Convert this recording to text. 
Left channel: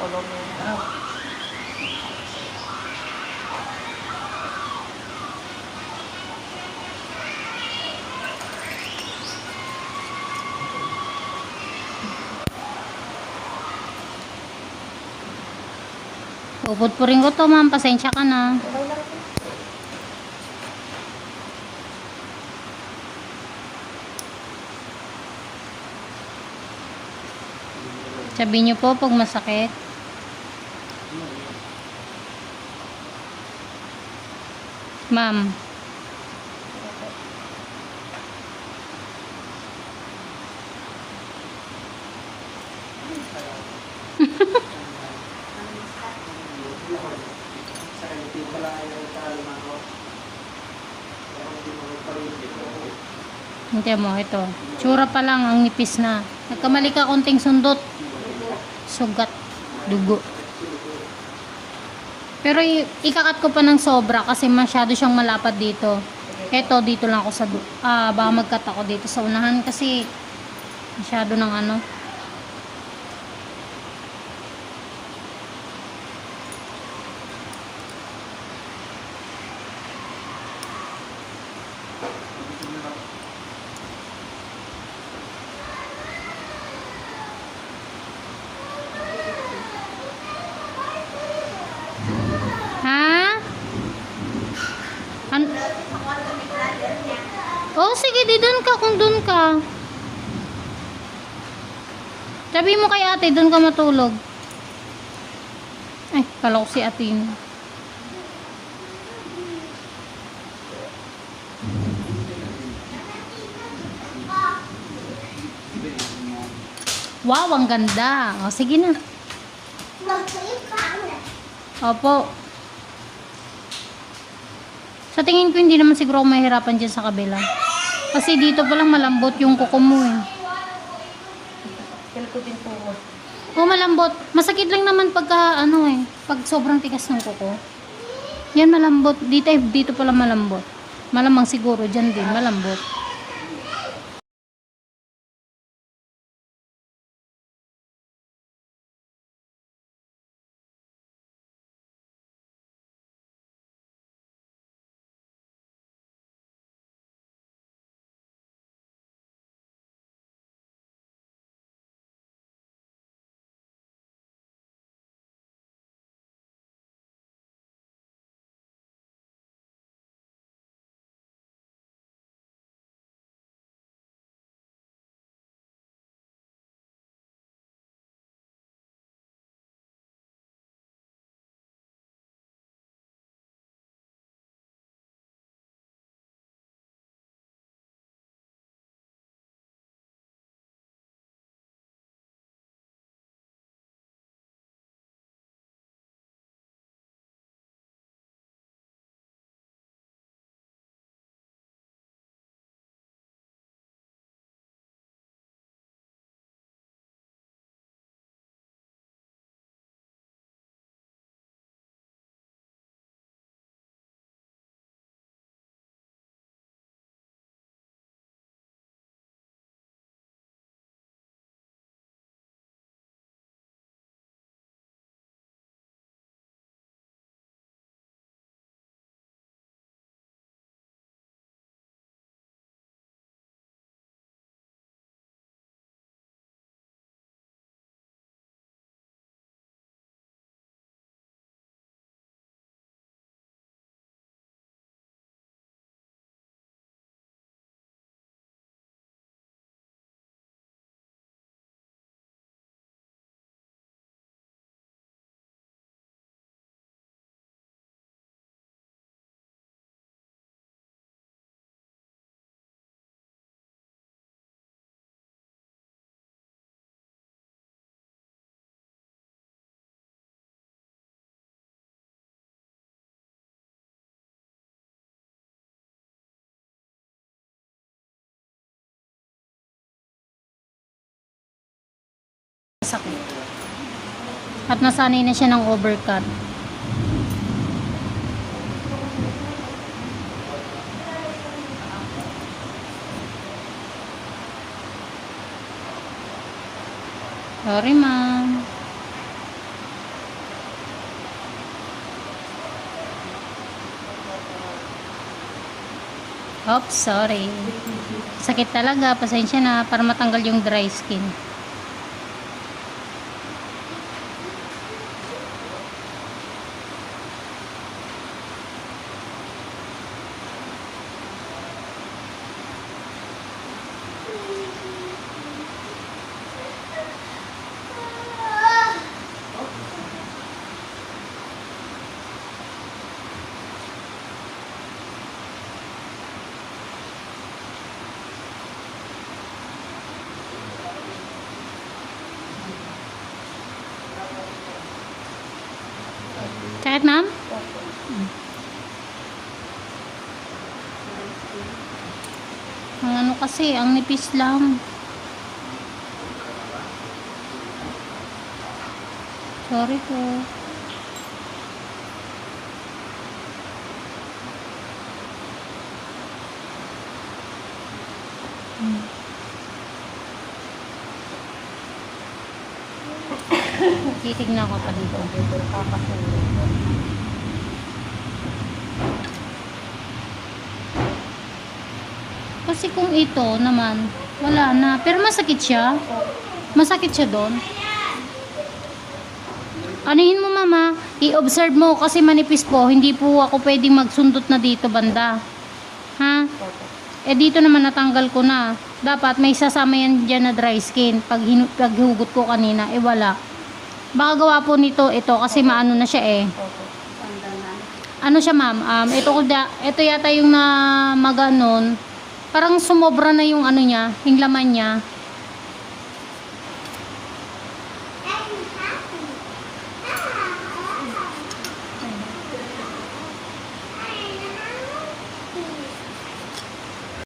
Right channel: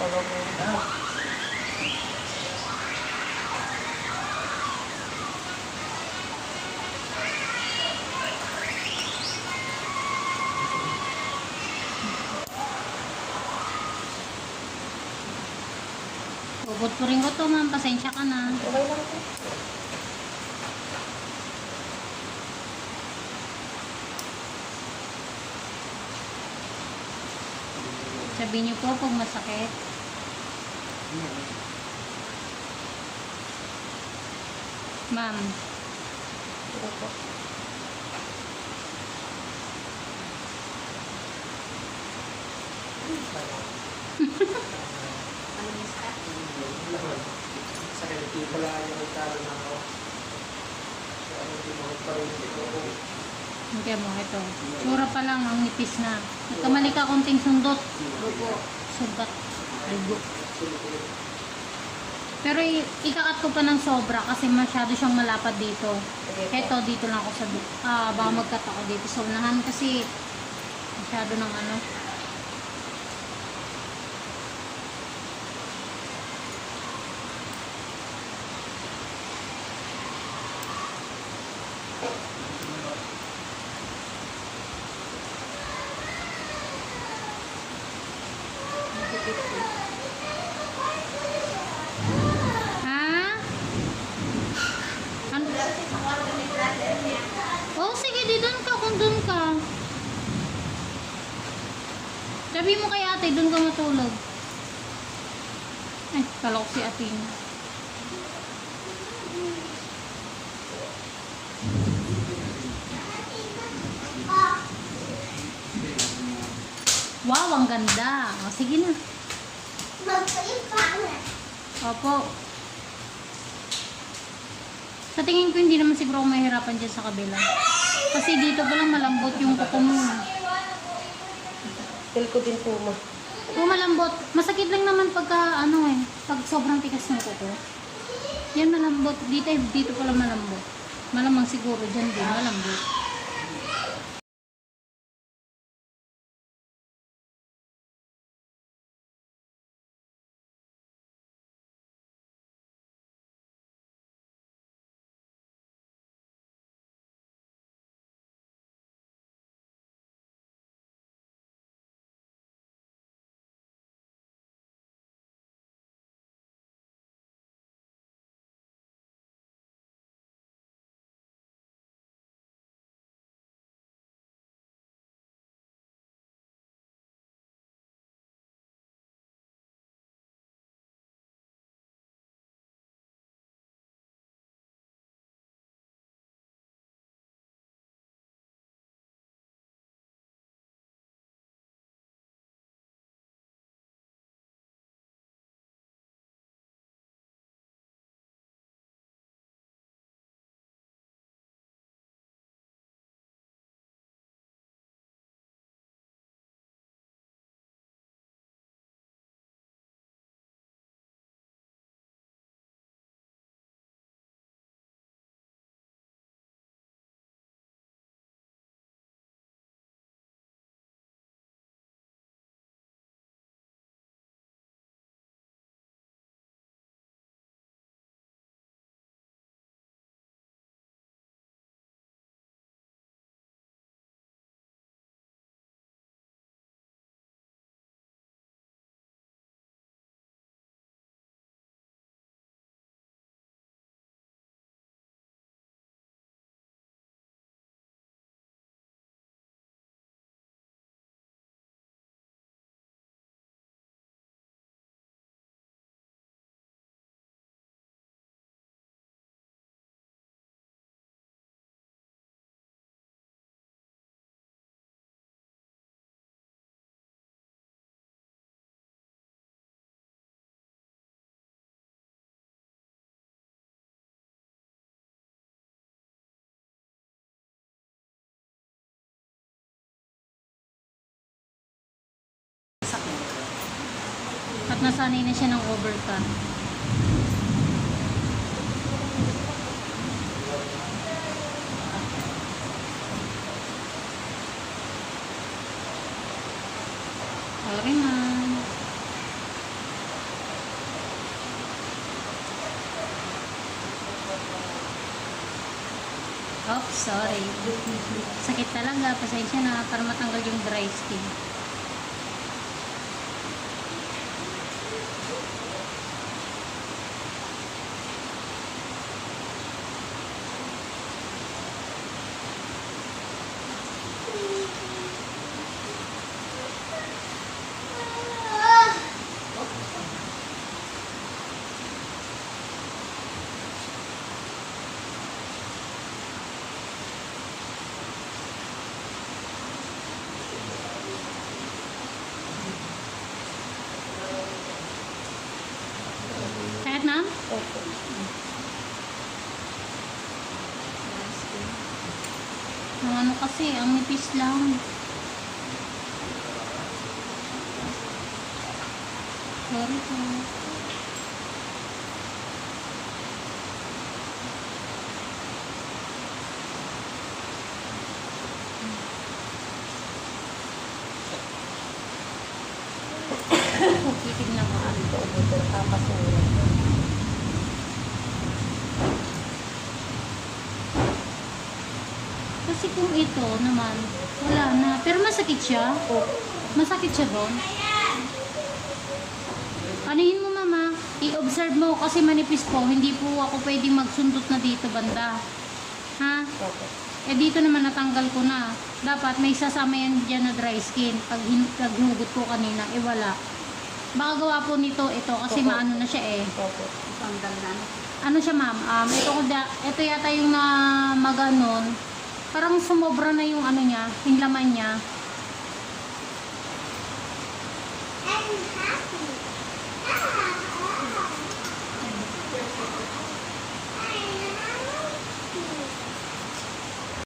Upot po rin ko to, ma'am. Pasensya ka na. Sabi niyo po pag masakit. Ma'am. Hindi mo, ito. Tsura pa lang, ang nipis na. Nagkamali ka konting sundot. Sugat. Dugo. Pero ikakat ko pa ng sobra kasi masyado siyang malapad dito. Ito, dito lang ako sa... Ah, baka magkat ako dito sa unahan kasi masyado ng ano. Ha? An oh, sige, doon ka. Sabi mo kay ate, doon ka matulog. Ay, kala ko si ate yun. Wow, ang ganda. O, sige na. Opo. Sa tingin ko, hindi naman siguro ako mahirapan dyan sa kabila. Kasi dito pa lang malambot yung kuko mo. Feel ko din po mo. Oo, malambot. Masakit lang naman pagka, ano eh, pag sobrang tigas ng kuko. Yan malambot. Dito, dito pa lang malambot. Malamang siguro dyan din, malambot. At nasanay na siya ng overcut. Sorry, ma'am. Oops, sorry. Sakit talaga. Pasensya na para matanggal yung dry skin. Kahit na? Ang ano kasi, ang nipis lang. Sorry po. Titignan ko pa dito. Kasi kung ito naman, wala na. Pero masakit siya. Masakit siya doon. Anuhin mo mama, i-observe mo kasi manipis po, hindi po ako pwedeng magsundot na dito banda. Ha? Eh dito naman natanggal ko na. Dapat may sasama yan dyan na dry skin. Pag hinu- paghugot ko kanina, eh wala. Baka gawa po nito, ito kasi maano na siya eh. Ano siya ma'am, um, ito, ito yata yung na maganon. Parang sumobra na yung ano niya, yung laman niya.